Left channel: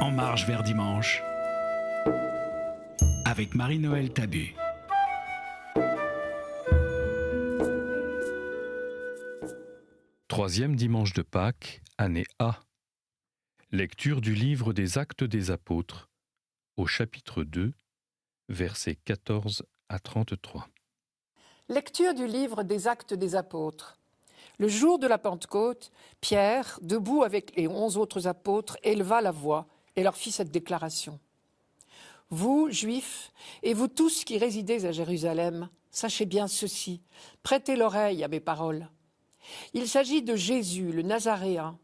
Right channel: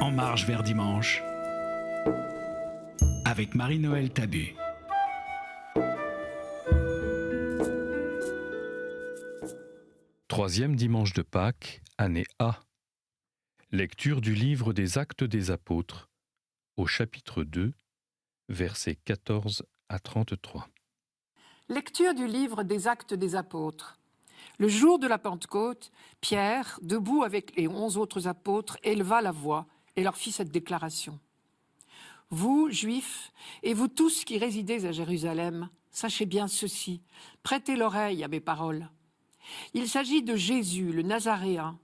En marche vers dimanche, avec Marie-Noël Tabu. Troisième dimanche de Pâques, année A. Lecture du livre des Actes des Apôtres, au chapitre 2, versets 14 à 33. Lecture du livre des Actes des Apôtres. Le jour de la Pentecôte, Pierre, debout avec les 11 autres apôtres, éleva la voix et leur fit cette déclaration. « Vous, Juifs, et vous tous qui résidez à Jérusalem, sachez bien ceci, prêtez l'oreille à mes paroles. Il s'agit de Jésus, le Nazaréen,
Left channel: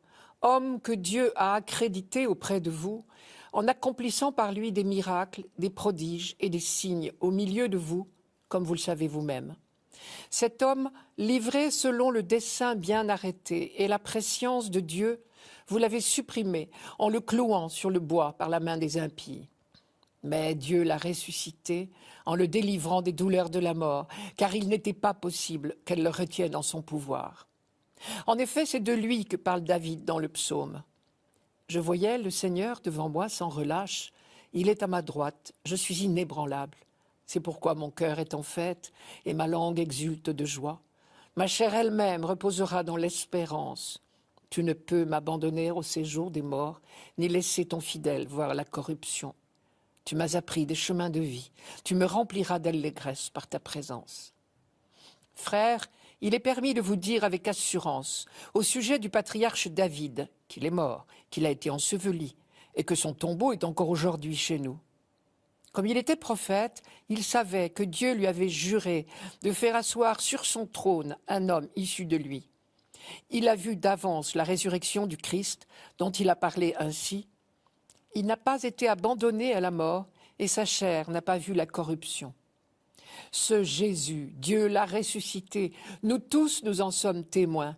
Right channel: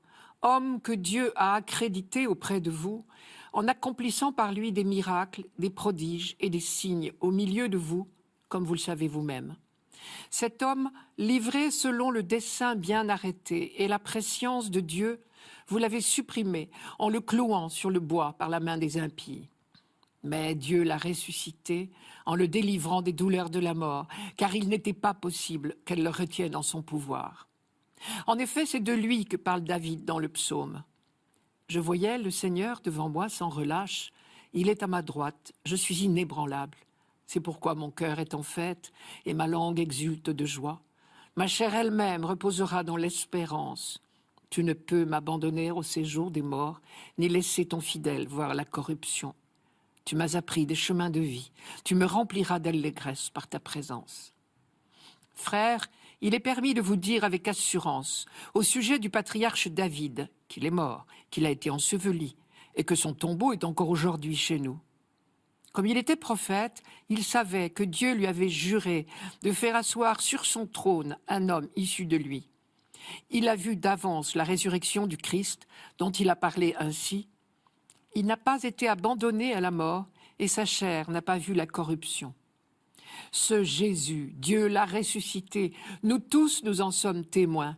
homme que Dieu a accrédité auprès de vous, en accomplissant par lui des miracles, des prodiges et des signes au milieu de vous, comme vous le savez vous-même. Cet homme, livré selon le dessein bien arrêté et la prescience de Dieu, vous l'avez supprimé en le clouant sur le bois par la main des impies. Mais Dieu l'a ressuscité en le délivrant des douleurs de la mort, car il n'était pas possible qu'elle le retienne en son pouvoir. En effet, c'est de lui que parle David dans le psaume. « Je voyais le Seigneur devant moi sans relâche. Il est à ma droite, je suis inébranlable. C'est pourquoi mon cœur est en fête et ma langue exulte de joie. Ma chair elle-même reposera dans l'espérance. Tu ne peux m'abandonner au séjour des morts, ni laisser ton fidèle voir la corruption. Tu m'as appris des chemins de vie. Tu me rempliras d'allégresse par ta présence. » Frères, il est permis de vous dire avec assurance, au sujet du patriarche David, qu'il est mort, qu'il a été enseveli, et que son tombeau est encore aujourd'hui chez nous. Comme il était prophète, il savait que Dieu lui avait juré de faire asseoir sur son trône un homme issu de lui. Il a vu d'avance la résurrection du Christ, dont il a parlé ainsi. Il n'a pas été abandonné à la mort, et sa chair n'a pas vu la corruption. Ce Jésus, Dieu l'a ressuscité, nous tous nous en sommes témoins.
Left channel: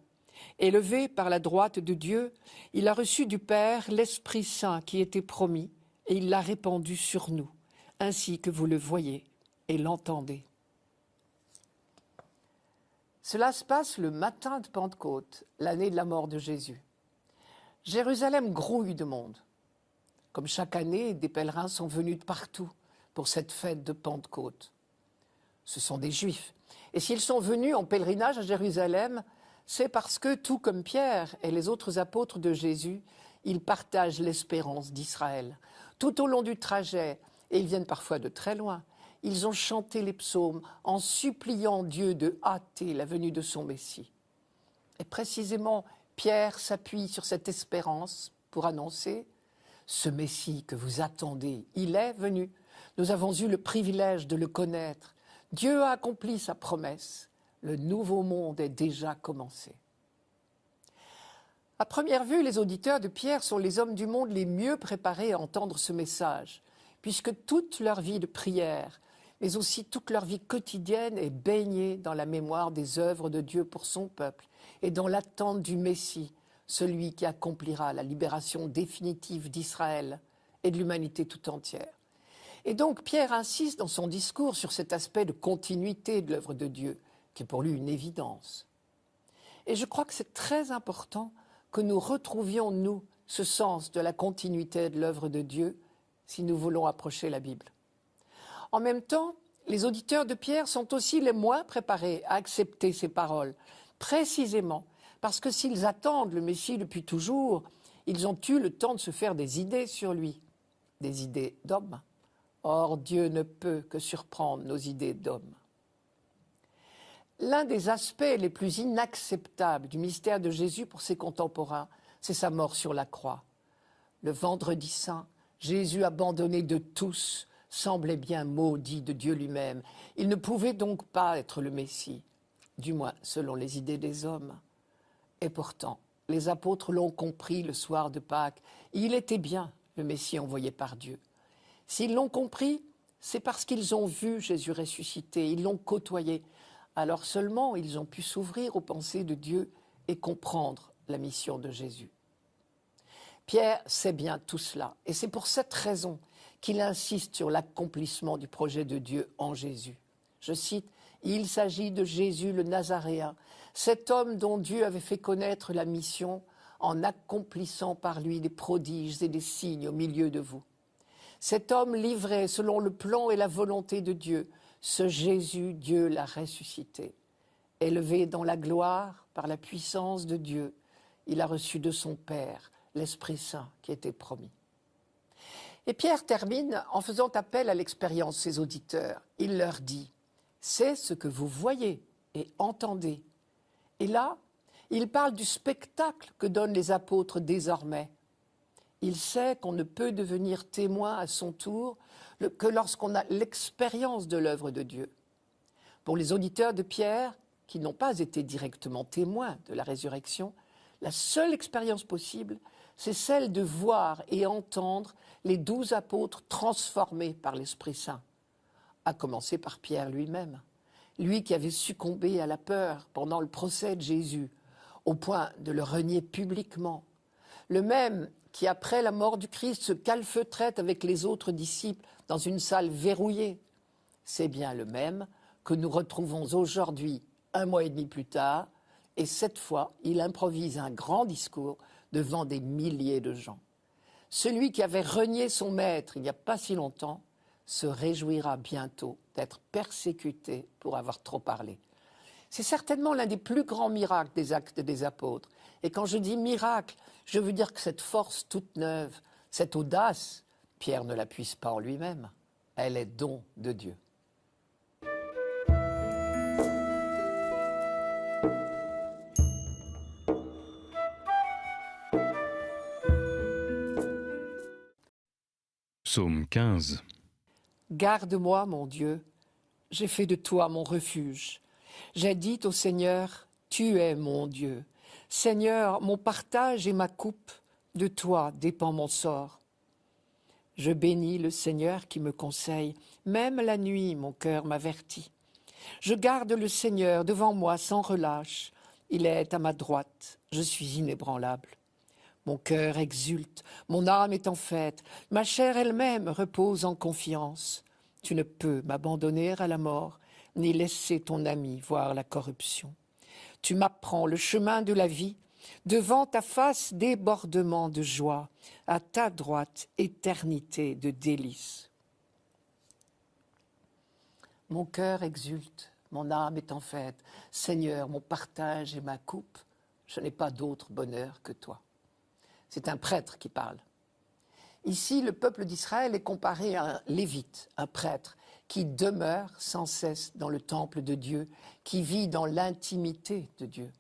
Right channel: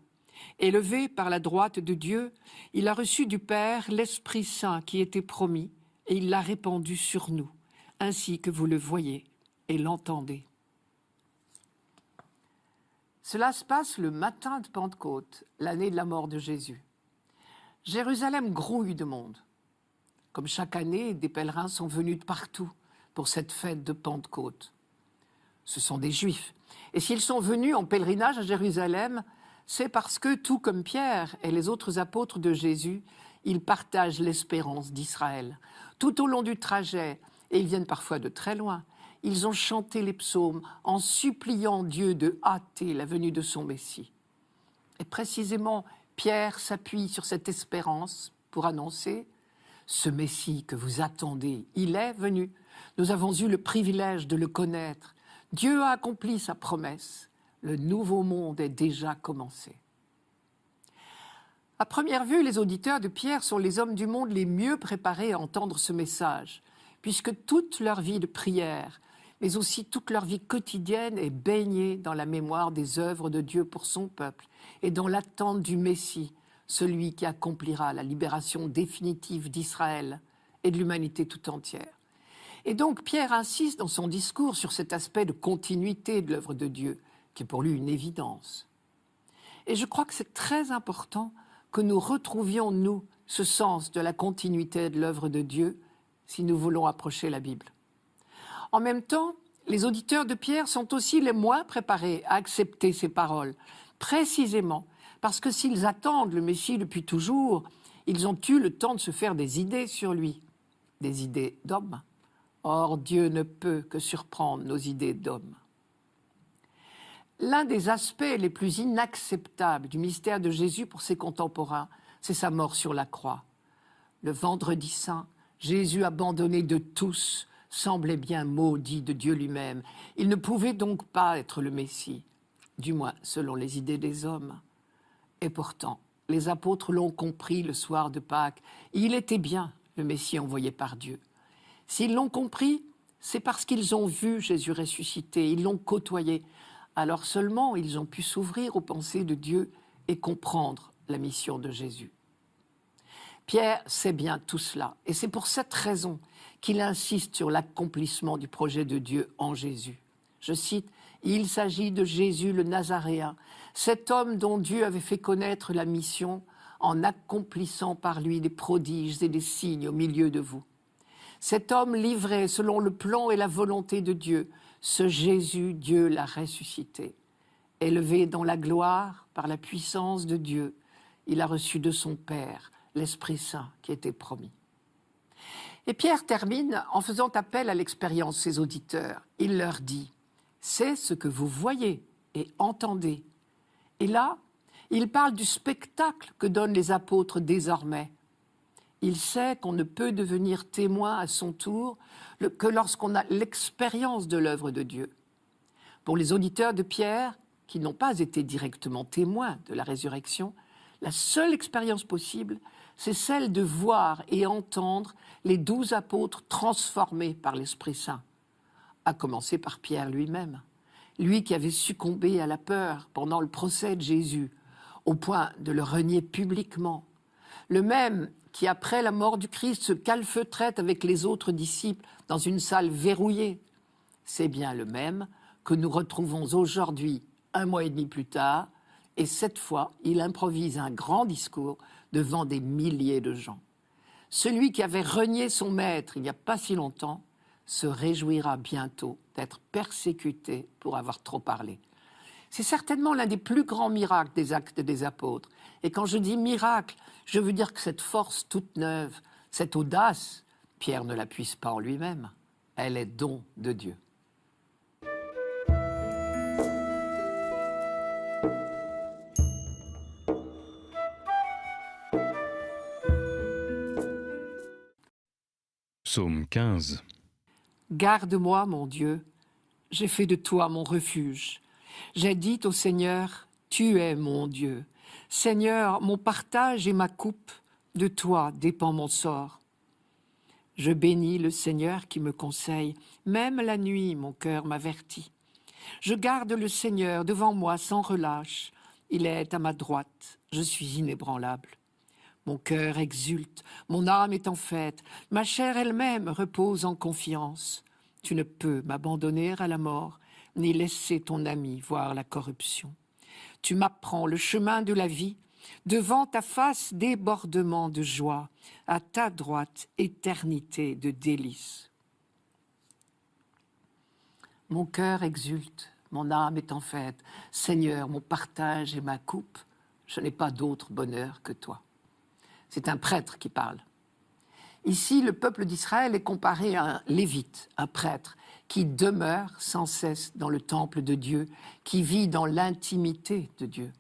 Élevé par la droite de Dieu, il a reçu du Père l'Esprit Saint qui était promis, et il l'a répandu sur nous, ainsi que vous le voyez et l'entendez. Cela se passe le matin de Pentecôte, l'année de la mort de Jésus. Jérusalem grouille de monde. Comme chaque année, des pèlerins sont venus de partout pour cette fête de Pentecôte. Ce sont des Juifs. Et s'ils sont venus en pèlerinage à Jérusalem, c'est parce que, tout comme Pierre et les autres apôtres de Jésus, ils partagent l'espérance d'Israël. Tout au long du trajet, et ils viennent parfois de très loin, ils ont chanté les psaumes en suppliant Dieu de hâter la venue de son Messie. Et précisément, Pierre s'appuie sur cette espérance pour annoncer « Ce Messie que vous attendez, il est venu. Nous avons eu le privilège de le connaître. Dieu a accompli sa promesse. Le nouveau monde est déjà commencé. » À première vue, les auditeurs de Pierre sont les hommes du monde les mieux préparés à entendre ce message, puisque toute leur vie de prière, mais aussi toute leur vie quotidienne est baignée dans la mémoire des œuvres de Dieu pour son peuple et dans l'attente du Messie, celui qui accomplira la libération définitive d'Israël et de l'humanité tout entière. Et donc Pierre insiste dans son discours sur cet aspect de continuité de l'œuvre de Dieu, qui est pour lui une évidence. Et je crois que c'est très important que nous retrouvions, nous, ce sens de la continuité de l'œuvre de Dieu si nous voulons approcher la Bible. En même temps, les auditeurs de Pierre sont aussi les moins préparés à accepter ces paroles, précisément parce que s'ils attendent le Messie depuis toujours, ils ont eu le temps de se faire des idées sur lui, des idées d'hommes. Or, Dieu ne peut que surprendre nos idées d'hommes. L'un des aspects les plus inacceptables du mystère de Jésus pour ses contemporains, c'est sa mort sur la croix. Le vendredi saint, Jésus, abandonné de tous, semblait bien maudit de Dieu lui-même. Il ne pouvait donc pas être le Messie, du moins selon les idées des hommes. Et pourtant, les apôtres l'ont compris le soir de Pâques. Il était bien le Messie envoyé par Dieu. S'ils l'ont compris, c'est parce qu'ils ont vu Jésus ressuscité, ils l'ont côtoyé. Alors seulement ils ont pu s'ouvrir aux pensées de Dieu et comprendre la mission de Jésus. Pierre sait bien tout cela, et c'est pour cette raison qu'il insiste sur l'accomplissement du projet de Dieu en Jésus. Je cite, « Il s'agit de Jésus le Nazaréen, cet homme dont Dieu avait fait connaître la mission en accomplissant par lui des prodiges et des signes au milieu de vous. Cet homme livré selon le plan et la volonté de Dieu, ce Jésus, Dieu l'a ressuscité. Élevé dans la gloire par la puissance de Dieu, il a reçu de son Père l'Esprit Saint qui était promis. Et Pierre termine en faisant appel à l'expérience de ses auditeurs. Il leur dit « C'est ce que vous voyez et entendez ». Et là, il parle du spectacle que donnent les apôtres désormais. Il sait qu'on ne peut devenir témoin à son tour que lorsqu'on a l'expérience de l'œuvre de Dieu. Pour les auditeurs de Pierre, qui n'ont pas été directement témoins de la résurrection, la seule expérience possible, c'est celle de voir et entendre les 12 apôtres transformés par l'Esprit Saint, à commencer par Pierre lui-même, lui qui avait succombé à la peur pendant le procès de Jésus, au point de le renier publiquement, le même qui, après la mort du Christ, se calfeutrait avec les autres disciples dans une salle verrouillée. C'est bien le même que nous retrouvons aujourd'hui, 1 mois et demi plus tard, et cette fois, il improvise un grand discours devant des milliers de gens. Celui qui avait renié son maître il n'y a pas si longtemps se réjouira bientôt d'être persécuté pour avoir trop parlé. C'est certainement l'un des plus grands miracles des Actes des Apôtres. Et quand je dis miracle, je veux dire que cette force toute neuve, cette audace, Pierre ne la puise pas en lui-même. Elle est don de Dieu. Psaume 15. Garde-moi, mon Dieu, j'ai fait de toi mon refuge. J'ai dit au Seigneur, tu es mon Dieu. Seigneur, mon partage et ma coupe, de toi dépend mon sort. Je bénis le Seigneur qui me conseille, même la nuit mon cœur m'avertit. Je garde le Seigneur devant moi sans relâche, il est à ma droite, je suis inébranlable. Mon cœur exulte, mon âme est en fête, ma chair elle-même repose en confiance. Tu ne peux m'abandonner à la mort, ni laisser ton ami voir la corruption. Tu m'apprends le chemin de la vie, devant ta face débordement de joie, à ta droite éternité de délices. Mon cœur exulte, mon âme est en fête. Seigneur, mon partage et ma coupe, je n'ai pas d'autre bonheur que toi. C'est un prêtre qui parle. Ici, le peuple d'Israël est comparé à un lévite, un prêtre, qui demeure sans cesse dans le temple de Dieu, qui vit dans l'intimité de Dieu.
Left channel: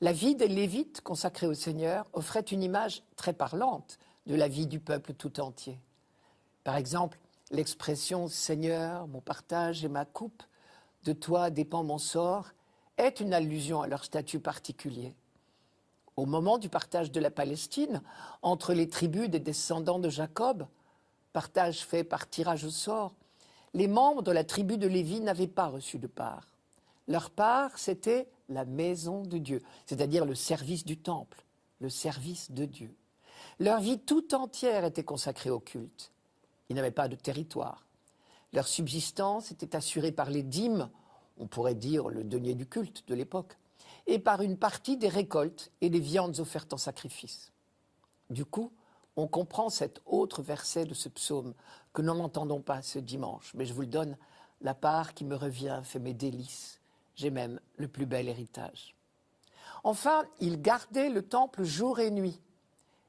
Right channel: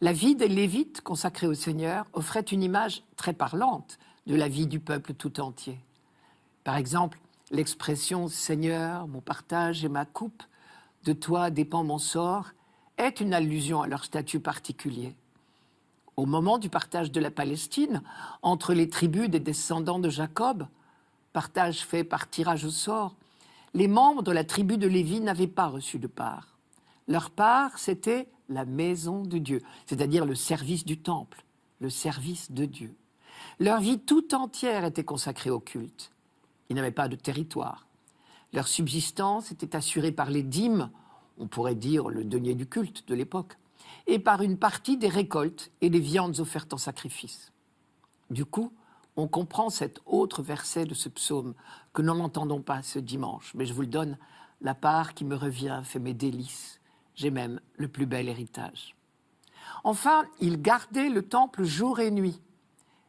La vie des Lévites consacrés au Seigneur offrait une image très parlante de la vie du peuple tout entier. Par exemple, l'expression « Seigneur, mon partage et ma coupe, de toi dépend mon sort » est une allusion à leur statut particulier. Au moment du partage de la Palestine, entre les tribus des descendants de Jacob, partage fait par tirage au sort, les membres de la tribu de Lévi n'avaient pas reçu de part. Leur part, c'était la maison de Dieu, c'est-à-dire le service du temple, le service de Dieu. Leur vie tout entière était consacrée au culte. Ils n'avaient pas de territoire. Leur subsistance était assurée par les dîmes, on pourrait dire le denier du culte de l'époque, et par une partie des récoltes et des viandes offertes en sacrifice. Du coup, on comprend cet autre verset de ce psaume que nous n'entendons pas ce dimanche, mais je vous le donne, la part qui me revient fait mes délices, j'ai même le plus bel héritage. Enfin, ils gardaient le temple jour et nuit,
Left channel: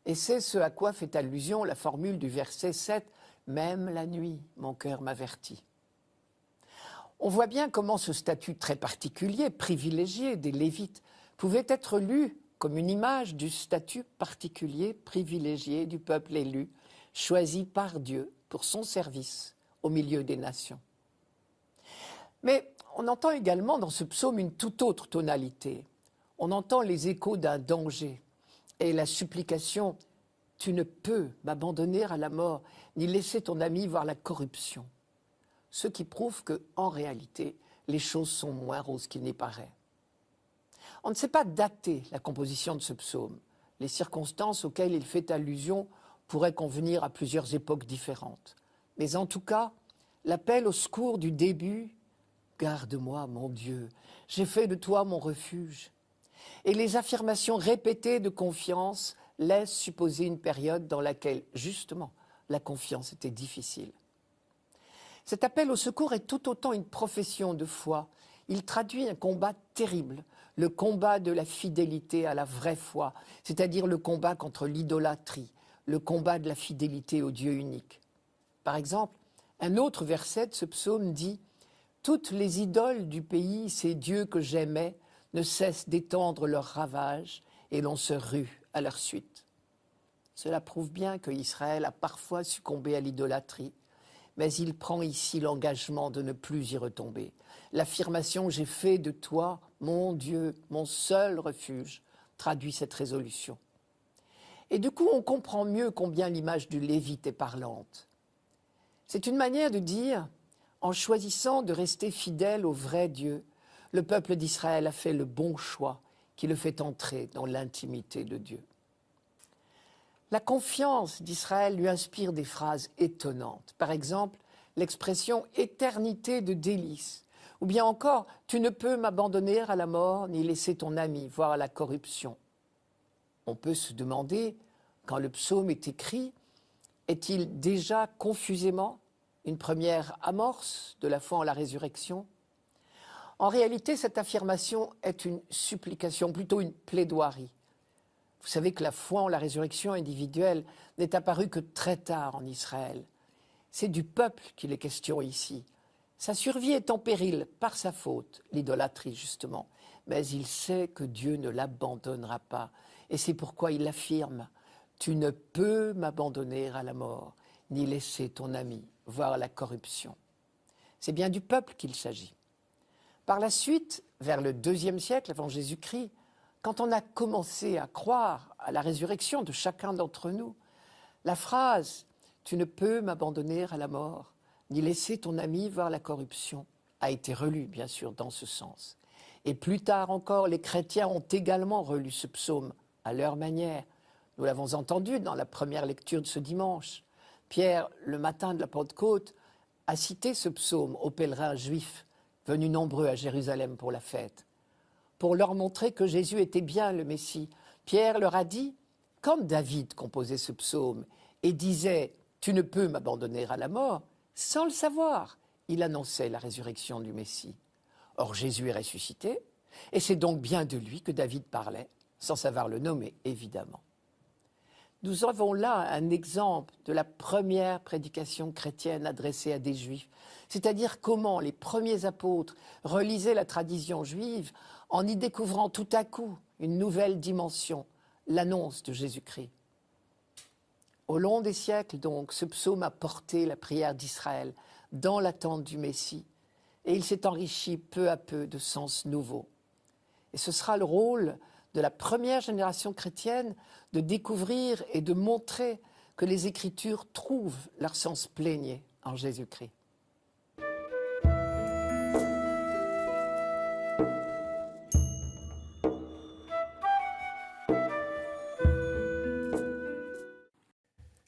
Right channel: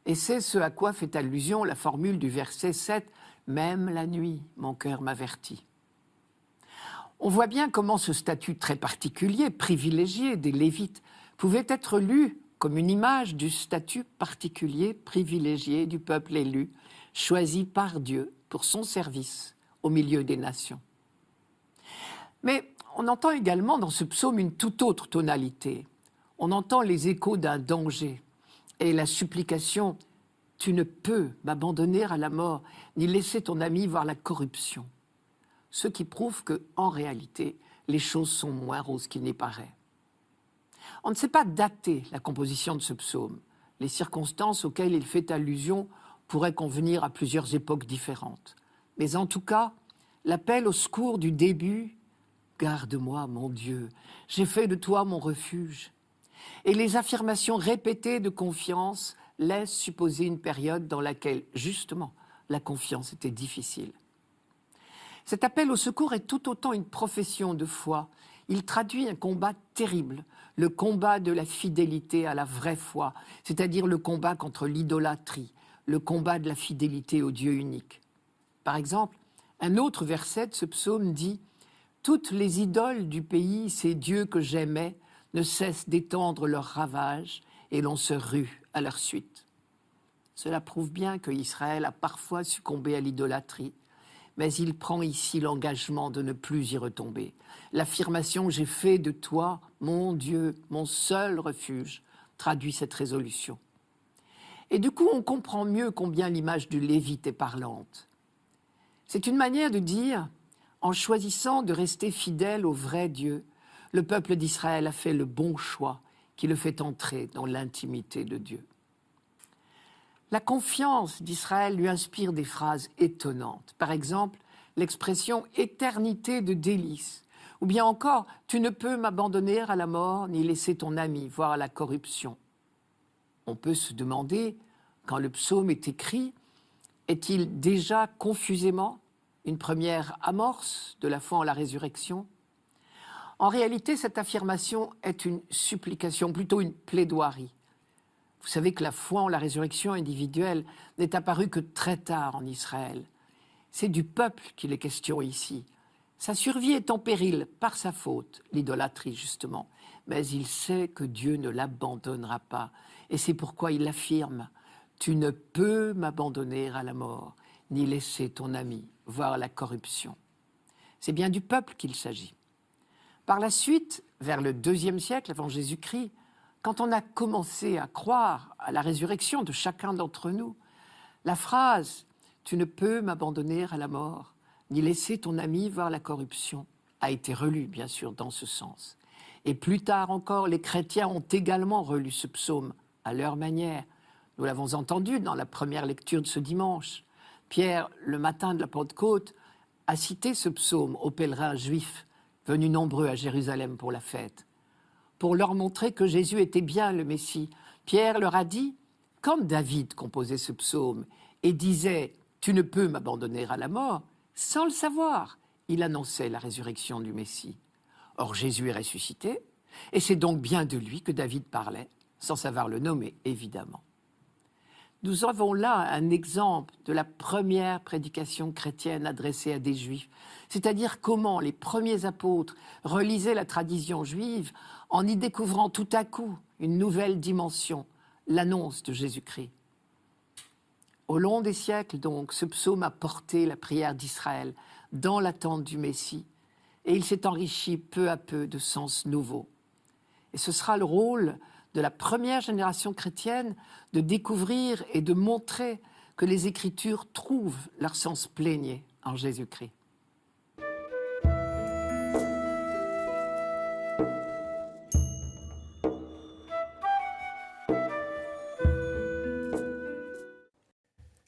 et c'est ce à quoi fait allusion la formule du verset 7, « Même la nuit, mon cœur m'avertit ». On voit bien comment ce statut très particulier, privilégié des Lévites, pouvait être lu comme une image du statut particulier, privilégié du peuple élu, choisi par Dieu pour son service au milieu des nations. Mais on entend également dans ce psaume une toute autre tonalité. On entend les échos d'un danger et la supplication « Tu ne peux m'abandonner à la mort, ni laisser ton ami voir la corruption ». Ce qui prouve qu'en réalité, les choses sont moins roses qu'il n'y paraît. On ne sait pas dater la composition de ce psaume. Les circonstances auxquelles il fait allusion pourraient convenir à plusieurs époques différentes. Mais en tout cas, l'appel au secours du début « Garde-moi, mon Dieu, j'ai fait de toi mon refuge » et les affirmations répétées de confiance laissent supposer une période dans laquelle, justement, la confiance était difficile. Cet appel au secours est tout autant une profession de foi. Il traduit un combat terrible, le combat de la fidélité à la vraie foi, c'est-à-dire le combat contre l'idolâtrie, le combat de la fidélité au Dieu unique. Par exemple, un autre verset de ce psaume dit « Toutes les idoles du pays, ces dieux que j'aimais, ne cessent d'étendre leurs ravages et l'on se rue à leur suite. » Cela prouve bien que Israël a parfois succombé à l'idolâtrie, mais il prend ici l'engagement de ne plus y retomber. L'affirmation « J'ai fait de toi, mon Dieu, mon seul refuge » traduit cette résolution. Et du coup, on comprend mieux combien l'image du Lévite est parlante. C'est une manière de dire, en choisissant de rester fidèle au vrai Dieu, le peuple d'Israël a fait le bon choix qui le fait entrer dans l'intimité de Dieu. La confiance d'Israël lui inspire des phrases étonnantes. Par exemple, l'expression « éternité de délices » ou bien encore « tu ne peux m'abandonner à la mort ni laisser ton ami, voire à la corruption ». On peut se demander, quand le psaume est écrit, est-il déjà confusément une première amorce de la foi en la résurrection ? En réalité, cette affirmation est une supplication, plutôt une plaidoirie. Vous savez que la foi en la résurrection individuelle n'est apparue que très tard en Israël. C'est du peuple qu'il est question ici. Sa survie est en péril par sa faute, l'idolâtrie justement, mais il sait que Dieu ne l'abandonnera pas. Et c'est pourquoi il affirme « Tu ne peux m'abandonner à la mort, ni laisser ton ami, voire la corruption. » C'est bien du peuple qu'il s'agit. Par la suite, vers le IIe siècle avant Jésus-Christ, quand on a commencé à croire à la résurrection de chacun d'entre nous, la phrase « Tu ne peux m'abandonner à la mort, ni laisser ton ami voir la corruption » a été relue, bien sûr, dans ce sens. Et plus tard encore, les chrétiens ont également relu ce psaume à leur manière. Nous l'avons entendu dans la première lecture de ce dimanche. Pierre, le matin de la Pentecôte, a cité ce psaume aux pèlerins juifs venus nombreux à Jérusalem pour la fête. Pour leur montrer que Jésus était bien le Messie, Pierre leur a dit, comme David composait ce psaume et disait « Tu ne peux m'abandonner à la mort », sans le savoir, il annonçait la résurrection du Messie. Or Jésus est ressuscité, et c'est donc bien de lui que David parlait, sans savoir le nommer, évidemment. Nous avons là un exemple de la première prédication chrétienne adressée à des Juifs, c'est-à-dire comment les premiers apôtres relisaient la tradition juive en y découvrant tout à coup une nouvelle dimension, l'annonce de Jésus-Christ. Au long des siècles, donc, ce psaume a porté la prière d'Israël dans l'attente du Messie, et il s'est enrichi peu à peu de sens nouveaux. Et ce sera le rôle de la première génération chrétienne de découvrir et de montrer que les Écritures trouvent leur sens plénier en Jésus-Christ.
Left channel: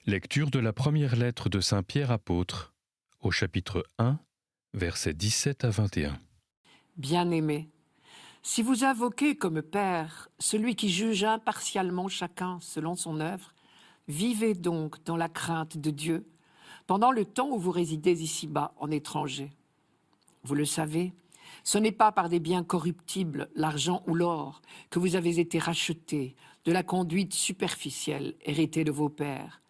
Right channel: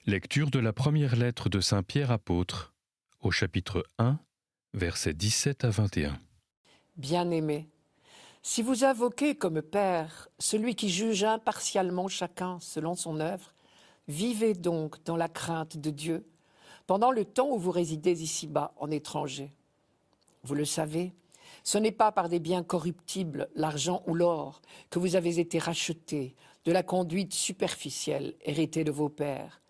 Lecture de la première lettre de Saint Pierre apôtre, au chapitre 1, versets 17 à 21. Bien-aimés, si vous invoquez comme Père celui qui juge impartialement chacun selon son œuvre, vivez donc dans la crainte de Dieu pendant le temps où vous résidez ici-bas en étranger. Vous le savez, ce n'est pas par des biens corruptibles, l'argent ou l'or, que vous avez été rachetés de la conduite superficielle héritée de vos pères,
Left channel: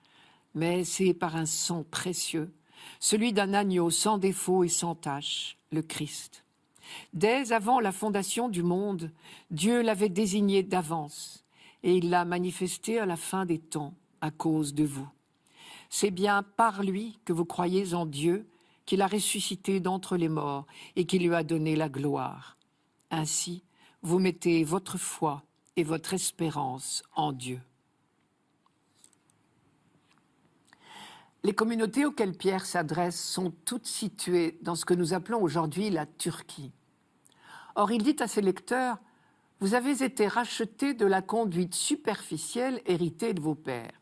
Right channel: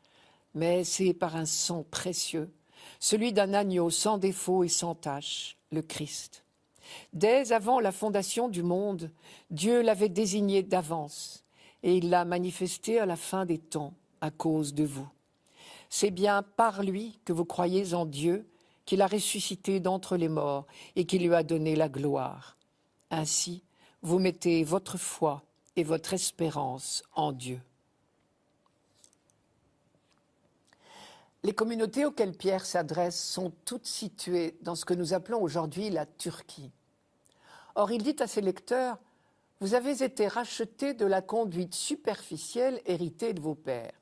mais c'est par un sang précieux, celui d'un agneau sans défaut et sans tache, le Christ. Dès avant la fondation du monde, Dieu l'avait désigné d'avance et il l'a manifesté à la fin des temps à cause de vous. C'est bien par lui que vous croyez en Dieu qu'il a ressuscité d'entre les morts et qu'il lui a donné la gloire. Ainsi, vous mettez votre foi et votre espérance en Dieu. Les communautés auxquelles Pierre s'adresse sont toutes situées dans ce que nous appelons aujourd'hui la Turquie. Or, il dit à ses lecteurs, « Vous avez été rachetés de la conduite superficielle héritée de vos pères. »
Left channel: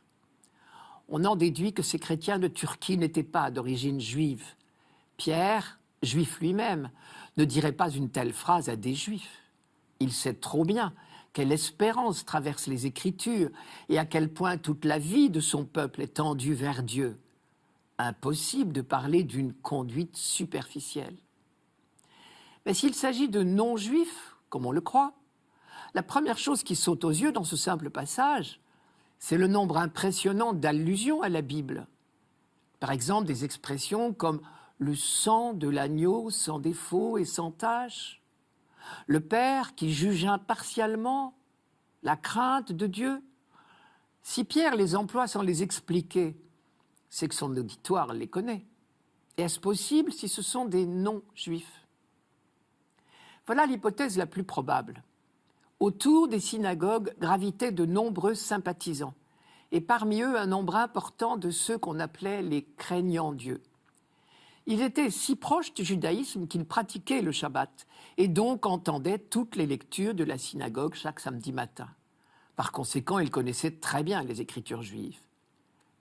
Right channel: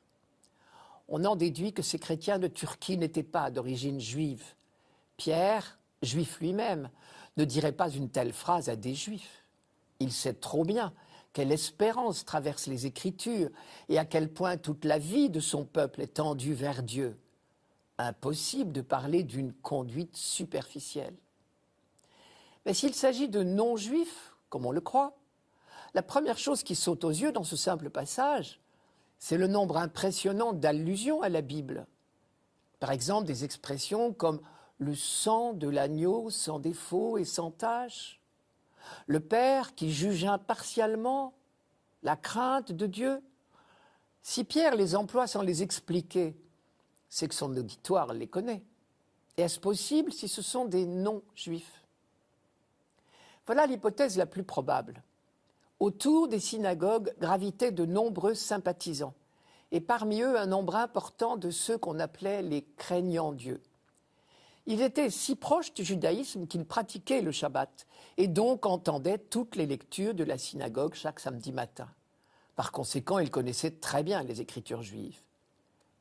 On en déduit que ces chrétiens de Turquie n'étaient pas d'origine juive. Pierre, juif lui-même, ne dirait pas une telle phrase à des juifs. Il sait trop bien quelle espérance traverse les Écritures et à quel point toute la vie de son peuple est tendue vers Dieu. Impossible de parler d'une conduite superficielle. Mais s'il s'agit de non-juifs, comme on le croit, la première chose qui saute aux yeux dans ce simple passage, c'est le nombre impressionnant d'allusions à la Bible. Par exemple, des expressions comme « le sang de l'agneau sans défaut et sans tache », « le Père qui juge impartialement », « la crainte de Dieu ». Si Pierre les emploie sans les expliquer, c'est que son auditoire les connaît. Et est-ce possible si ce sont des non-juifs ? Voilà l'hypothèse la plus probable. Autour des synagogues gravitaient de nombreux sympathisants, et parmi eux un nombre important de ceux qu'on appelait les craignants Dieu. Ils étaient si proches du judaïsme qu'ils pratiquaient le Shabbat, et donc entendaient toutes les lectures de la synagogue chaque samedi matin. Par conséquent, ils connaissaient très bien les Écritures juives.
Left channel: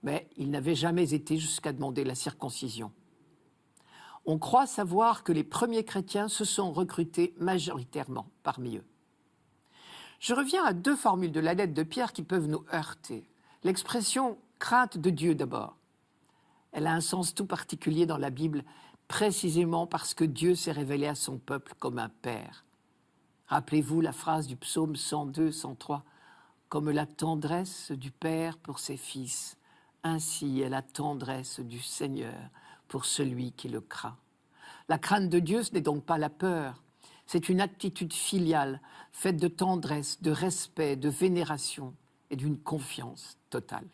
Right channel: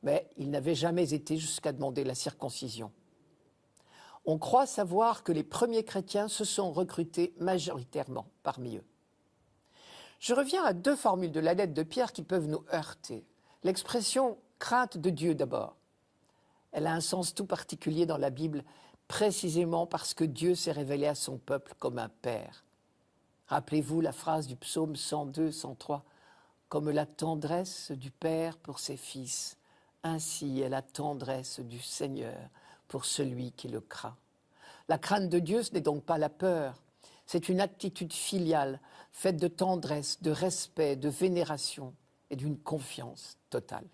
Mais ils n'avaient jamais été jusqu'à demander la circoncision. On croit savoir que les premiers chrétiens se sont recrutés majoritairement parmi eux. Je reviens à deux formules de la lettre de Pierre qui peuvent nous heurter. L'expression « crainte de Dieu » d'abord. Elle a un sens tout particulier dans la Bible, précisément parce que Dieu s'est révélé à son peuple comme un père. Rappelez-vous la phrase du psaume 102, 103. « Comme la tendresse du Père pour ses fils, ainsi est la tendresse du Seigneur pour celui qui le craint. » La crainte de Dieu, ce n'est donc pas la peur, c'est une attitude filiale, faite de tendresse, de respect, de vénération et d'une confiance totale.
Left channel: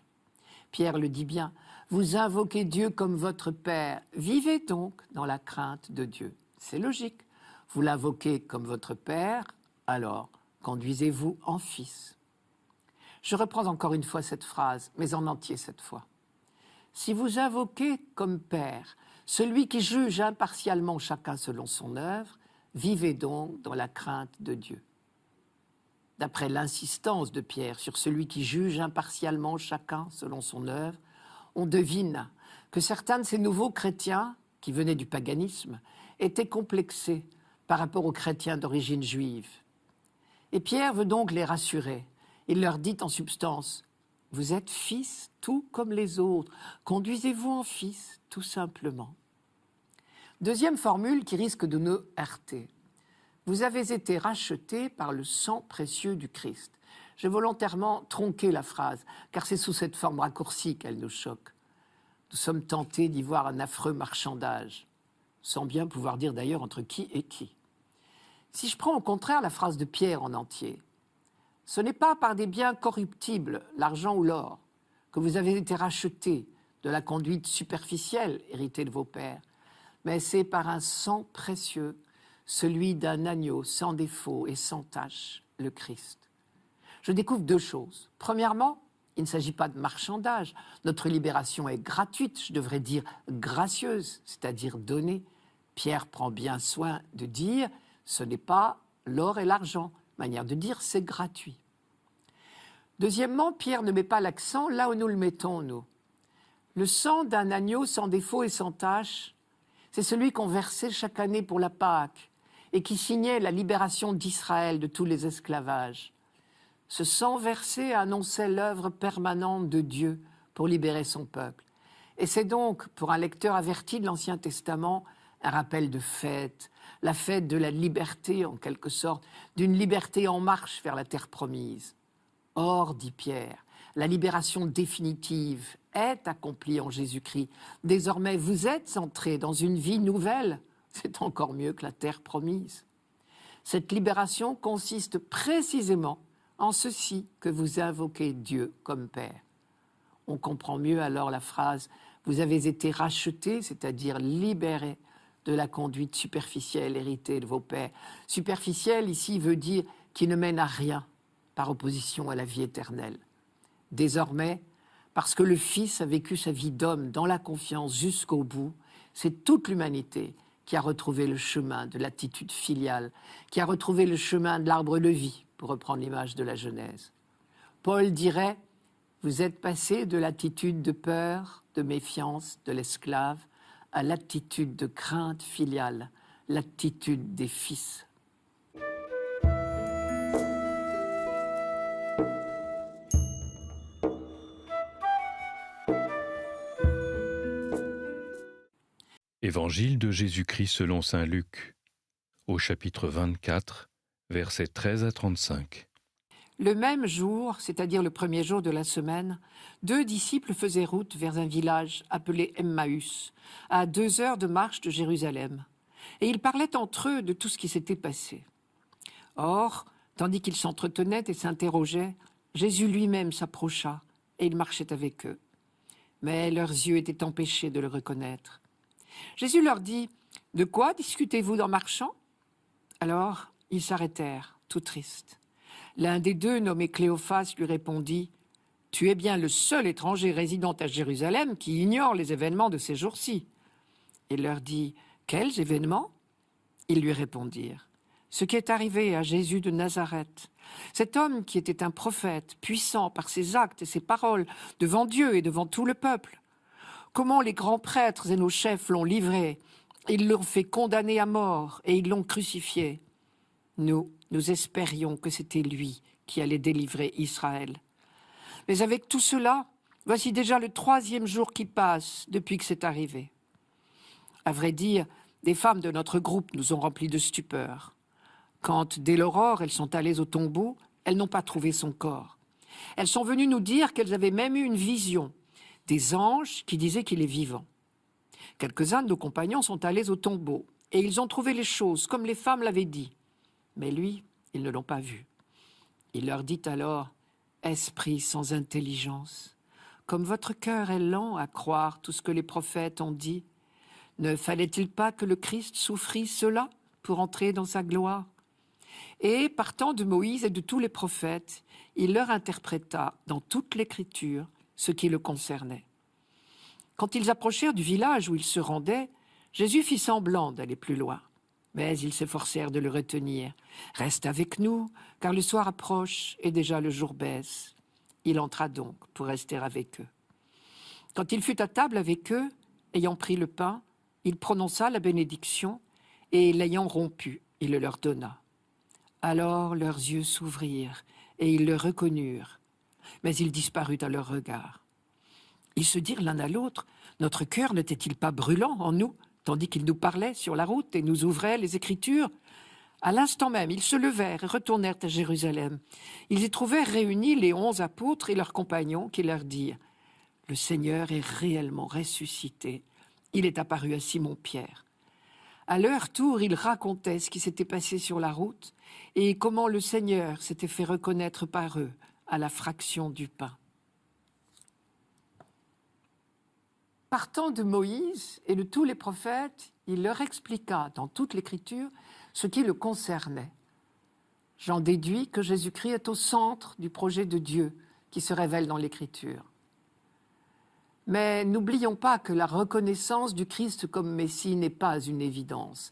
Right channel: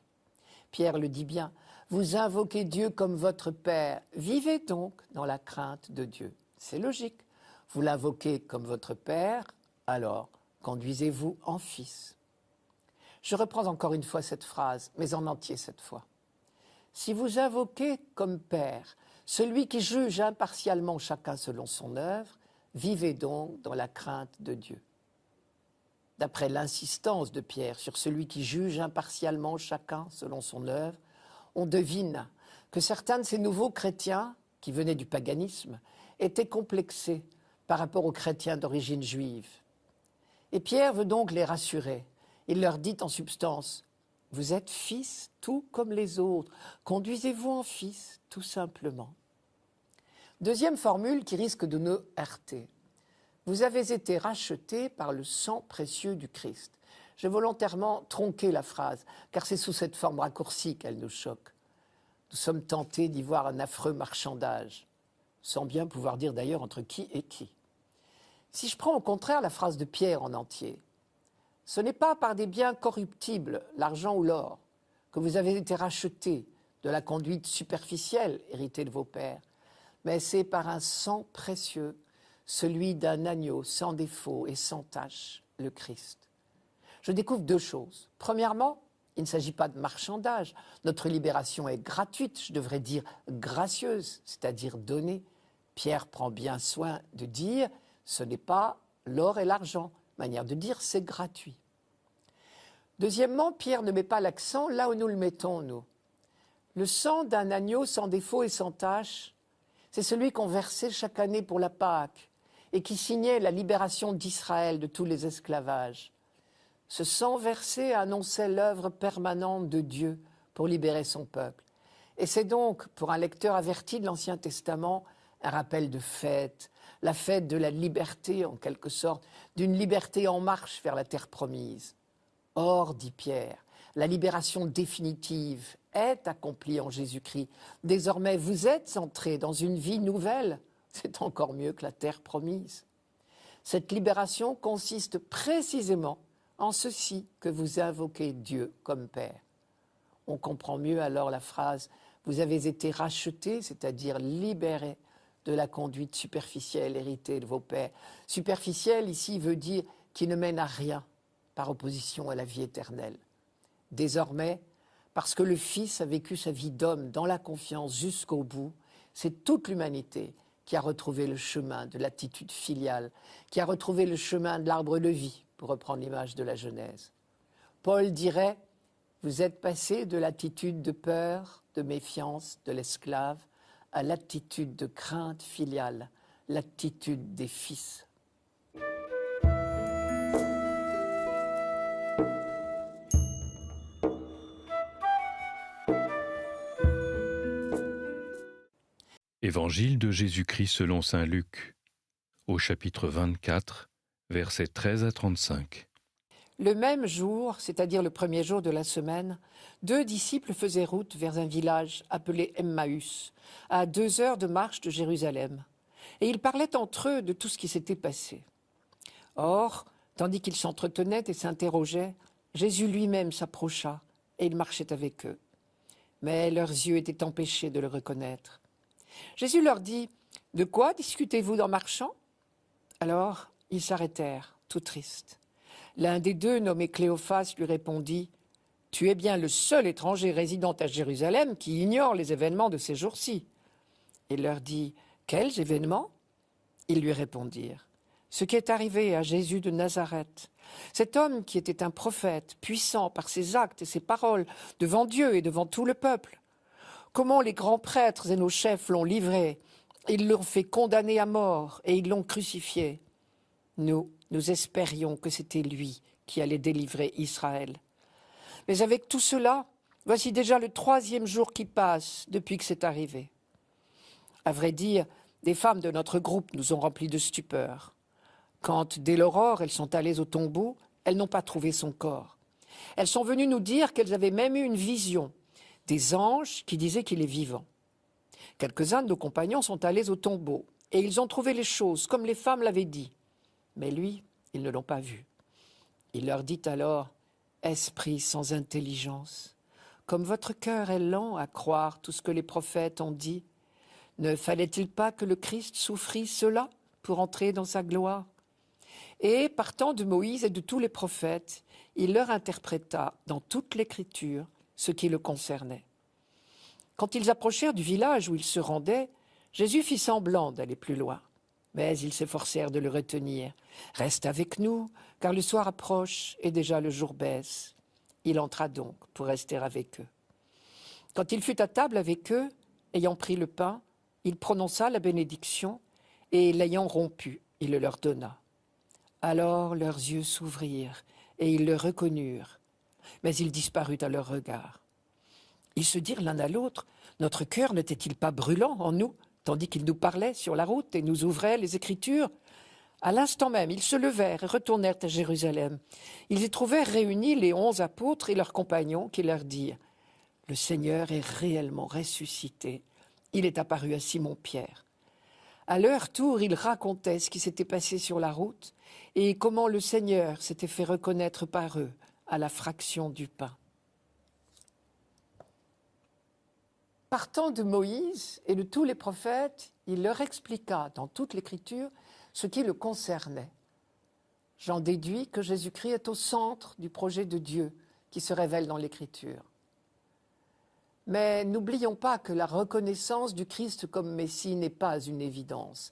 Pierre le dit bien, vous invoquez Dieu comme votre Père, vivez donc dans la crainte de Dieu. C'est logique, vous l'invoquez comme votre Père, alors conduisez-vous en fils. Je reprends encore une fois cette phrase, mais en entier cette fois. Si vous invoquez comme Père celui qui juge impartialement chacun selon son œuvre, vivez donc dans la crainte de Dieu. D'après l'insistance de Pierre sur celui qui juge impartialement chacun selon son œuvre, on devine que certains de ces nouveaux chrétiens, qui venaient du paganisme, étaient complexés par rapport aux chrétiens d'origine juive. Et Pierre veut donc les rassurer. Il leur dit en substance, « Vous êtes fils tout comme les autres, conduisez-vous en fils tout simplement. » Deuxième formule qui risque de nous heurter. Vous avez été rachetés par le sang précieux du Christ. J'ai volontairement tronqué la phrase, car c'est sous cette forme raccourcie qu'elle nous choque. Nous sommes tentés d'y voir un affreux marchandage, sans bien pouvoir dire d'ailleurs entre qui et qui. Si je prends au contraire la phrase de Pierre en entier, ce n'est pas par des biens corruptibles, l'argent ou l'or, que vous avez été rachetés de la conduite superficielle héritée de vos pères, mais c'est par un sang précieux, celui d'un agneau sans défaut et sans tache, le Christ. Je découvre deux choses. Premièrement, il ne s'agit pas de marchandage. Notre libération est gratuite, je devrais dire gracieuse, c'est-à-dire donnée. Pierre prend bien soin de dire, ce n'est pas l'or et l'argent. Manière de dire, c'est gratuit. Deuxièmement, Pierre ne met pas l'accent là où nous le mettons, nous. Le sang d'un agneau sans défaut et sans tache, c'est celui qu'on versait chaque année pour la Pâque et qui signait la libération d'Israël de tous les esclavages. Ce sang versé annonçait l'œuvre permanente de Dieu pour libérer son peuple. Et c'est donc, pour un lecteur averti de l'Ancien Testament, un rappel de fête, la fête de la liberté en quelque sorte, d'une liberté en marche vers la terre promise. Or, dit Pierre, la libération définitive est accomplie en Jésus-Christ. Désormais, vous êtes entrés dans une vie nouvelle. C'est encore mieux que la terre promise. Cette libération consiste précisément en ceci que vous invoquez Dieu comme Père. On comprend mieux alors la phrase « Vous avez été rachetés », c'est-à-dire libérés de la conduite superficielle héritée de vos pères. Superficielle, ici, veut dire qui ne mène à rien, par opposition à la vie éternelle. Désormais, parce que le Fils a vécu sa vie d'homme dans la confiance jusqu'au bout, c'est toute l'humanité qui a retrouvé le chemin de l'attitude filiale, qui a retrouvé le chemin de l'arbre de vie, pour reprendre l'image de la Genèse. Paul dirait, vous êtes passés de l'attitude de peur, de méfiance, de l'esclave, à l'attitude de crainte filiale, l'attitude des fils. Évangile de Jésus-Christ selon saint Luc, au chapitre 24, versets 13 à 35. Le même jour, c'est-à-dire le premier jour de la semaine, 2 disciples faisaient route vers un village appelé Emmaüs, à 2 heures de marche de Jérusalem. Et ils parlaient entre eux de tout ce qui s'était passé. Or, tandis qu'ils s'entretenaient et s'interrogeaient, Jésus lui-même s'approcha et il marchait avec eux. Mais leurs yeux étaient empêchés de le reconnaître. Jésus leur dit « De quoi discutez-vous en marchant ?» Alors, ils s'arrêtèrent, tout tristes. L'un des deux, nommé Cléophas, lui répondit « Tu es bien le seul étranger résidant à Jérusalem qui ignore les événements de ces jours-ci. » Il leur dit « Quels événements ?» Ils lui répondirent « Ce qui est arrivé à Jésus de Nazareth, cet homme qui était un prophète, puissant par ses actes et ses paroles, devant Dieu et devant tout le peuple. Comment les grands prêtres et nos chefs l'ont livré, ils l'ont fait condamner à mort et ils l'ont crucifié. Nous espérions que c'était lui qui allait délivrer Israël. Mais avec tout cela, voici déjà le 3e jour qui passe depuis que c'est arrivé. À vrai dire, des femmes de notre groupe nous ont remplis de stupeur. Quand, dès l'aurore, elles sont allées au tombeau, elles n'ont pas trouvé son corps. Elles sont venues nous dire qu'elles avaient même eu une vision, des anges qui disaient qu'il est vivant. Quelques-uns de nos compagnons sont allés au tombeau et ils ont trouvé les choses comme les femmes l'avaient dit. Mais lui, ils ne l'ont pas vu. Il leur dit alors, « Esprit sans intelligence, comme votre cœur est lent à croire tout ce que les prophètes ont dit, ne fallait-il pas que le Christ souffrit cela pour entrer dans sa gloire ?» Et, partant de Moïse et de tous les prophètes, il leur interpréta dans toute l'Écriture ce qui le concernait. Quand ils approchèrent du village où ils se rendaient, Jésus fit semblant d'aller plus loin. Mais ils s'efforcèrent de le retenir. « Reste avec nous, car le soir approche et déjà le jour baisse. » Il entra donc pour rester avec eux. Quand il fut à table avec eux, ayant pris le pain, il prononça la bénédiction et, l'ayant rompu, il le leur donna. Alors leurs yeux s'ouvrirent et ils le reconnurent, mais il disparut à leur regard. Ils se dirent l'un à l'autre, « Notre cœur n'était-il pas brûlant en nous, tandis qu'il nous parlait sur la route et nous ouvrait les Écritures ?» À l'instant même, ils se levèrent et retournèrent à Jérusalem. Ils y trouvèrent réunis les 11 apôtres et leurs compagnons qui leur dirent, « Le Seigneur est réellement ressuscité. Il est apparu à Simon-Pierre. » À leur tour, ils racontaient ce qui s'était passé sur la route et comment le Seigneur s'était fait reconnaître par eux à la fraction du pain. Partant de Moïse et de tous les prophètes, il leur expliqua dans toute l'Écriture ce qui le concernait. J'en déduis que Jésus-Christ est au centre du projet de Dieu qui se révèle dans l'Écriture. Mais n'oublions pas que la reconnaissance du Christ comme Messie n'est pas une évidence.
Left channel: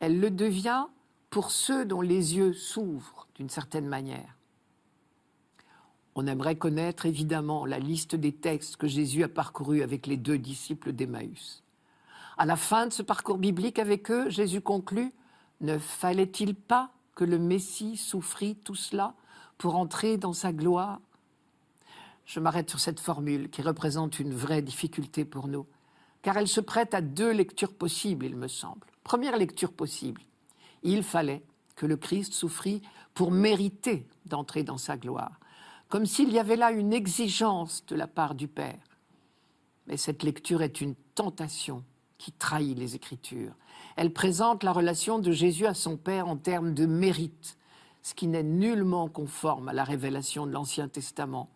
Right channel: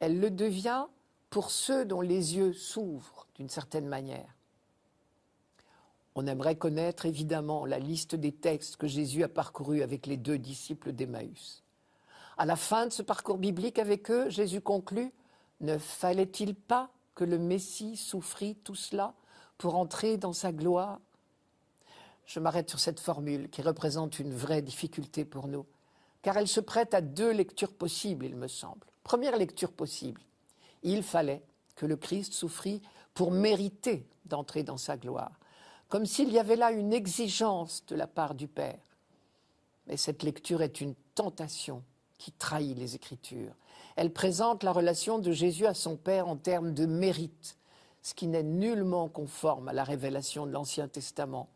Elle le devient pour ceux dont les yeux s'ouvrent d'une certaine manière. On aimerait connaître évidemment la liste des textes que Jésus a parcourus avec les 2 disciples d'Emmaüs. À la fin de ce parcours biblique avec eux, Jésus conclut « Ne fallait-il pas que le Messie souffrit tout cela pour entrer dans sa gloire ?» Je m'arrête sur cette formule qui représente une vraie difficulté pour nous, car elle se prête à 2 lectures possibles, il me semble. Première lecture possible, il fallait que le Christ souffrit pour mériter d'entrer dans sa gloire, comme s'il y avait là une exigence de la part du Père. Mais cette lecture est une tentation qui trahit les Écritures. Elle présente la relation de Jésus à son Père en termes de mérite, ce qui n'est nullement conforme à la révélation de l'Ancien Testament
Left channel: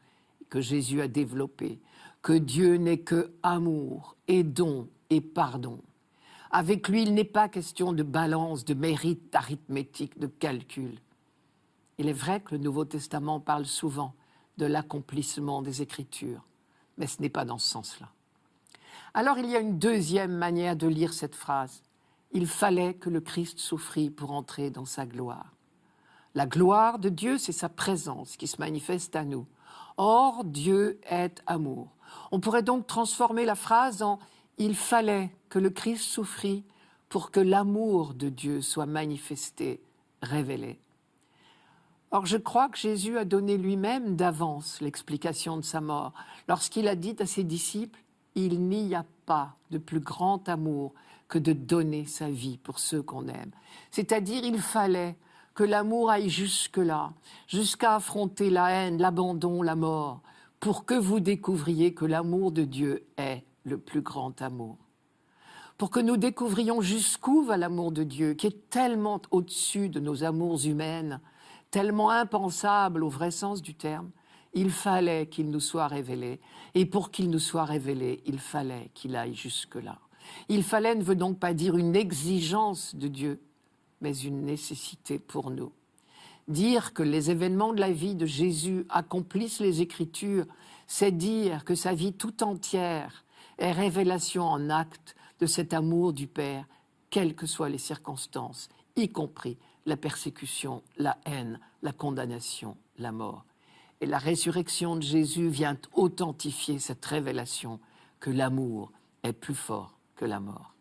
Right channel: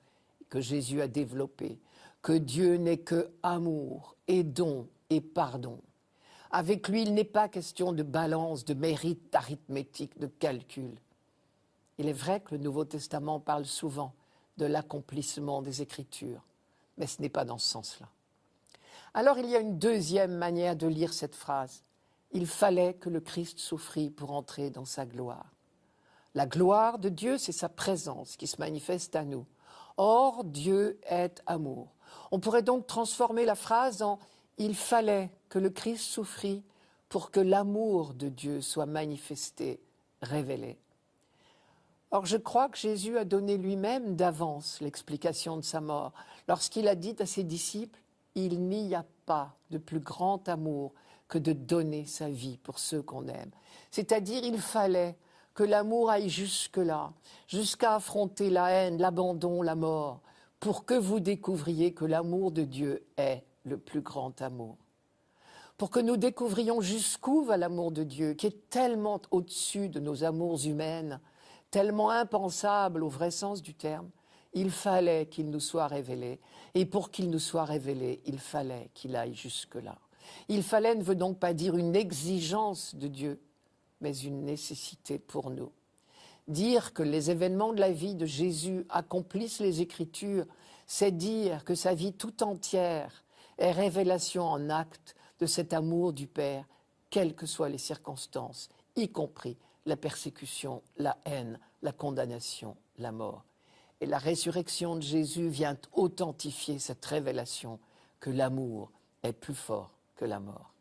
que Jésus a développé, que Dieu n'est que amour et don et pardon. Avec lui, il n'est pas question de balance, de mérite, d'arithmétique, de calcul. Il est vrai que le Nouveau Testament parle souvent de l'accomplissement des Écritures, mais ce n'est pas dans ce sens-là. Alors il y a une 2e manière de lire cette phrase. Il fallait que le Christ souffrit pour entrer dans sa gloire. La gloire de Dieu, c'est sa présence qui se manifeste à nous. Or, Dieu est amour. On pourrait donc transformer la phrase en « Il fallait que le Christ souffrit pour que l'amour de Dieu soit manifesté, révélé. » Or, je crois que Jésus a donné lui-même d'avance l'explication de sa mort, lorsqu'il a dit à ses disciples « Il n'y a pas de plus grand amour que de donner sa vie pour ceux qu'on aime. C'est-à-dire, il fallait que l'amour aille jusque-là, jusqu'à affronter la haine, l'abandon, la mort, pour que vous découvriez que l'amour de Dieu est le plus grand amour. Pour que nous découvrions jusqu'où va l'amour de Dieu, qui est tellement au-dessus de nos amours humaines, tellement impensable au vrai sens du terme, il fallait qu'il nous soit révélé. Et pour qu'il nous soit révélé, il fallait qu'il aille jusque-là. Il fallait ne veut donc pas dire une exigence de Dieu, mais une nécessité pour nous. Dire que les événements de la vie de Jésus accomplissent les Écritures, c'est dire que sa vie tout entière est révélation en acte de cet amour du Père, quelles que soient les circonstances, y compris la persécution, la haine, la condamnation, la mort. Et la résurrection de Jésus vient authentifier cette révélation que l'amour est plus fort que la mort.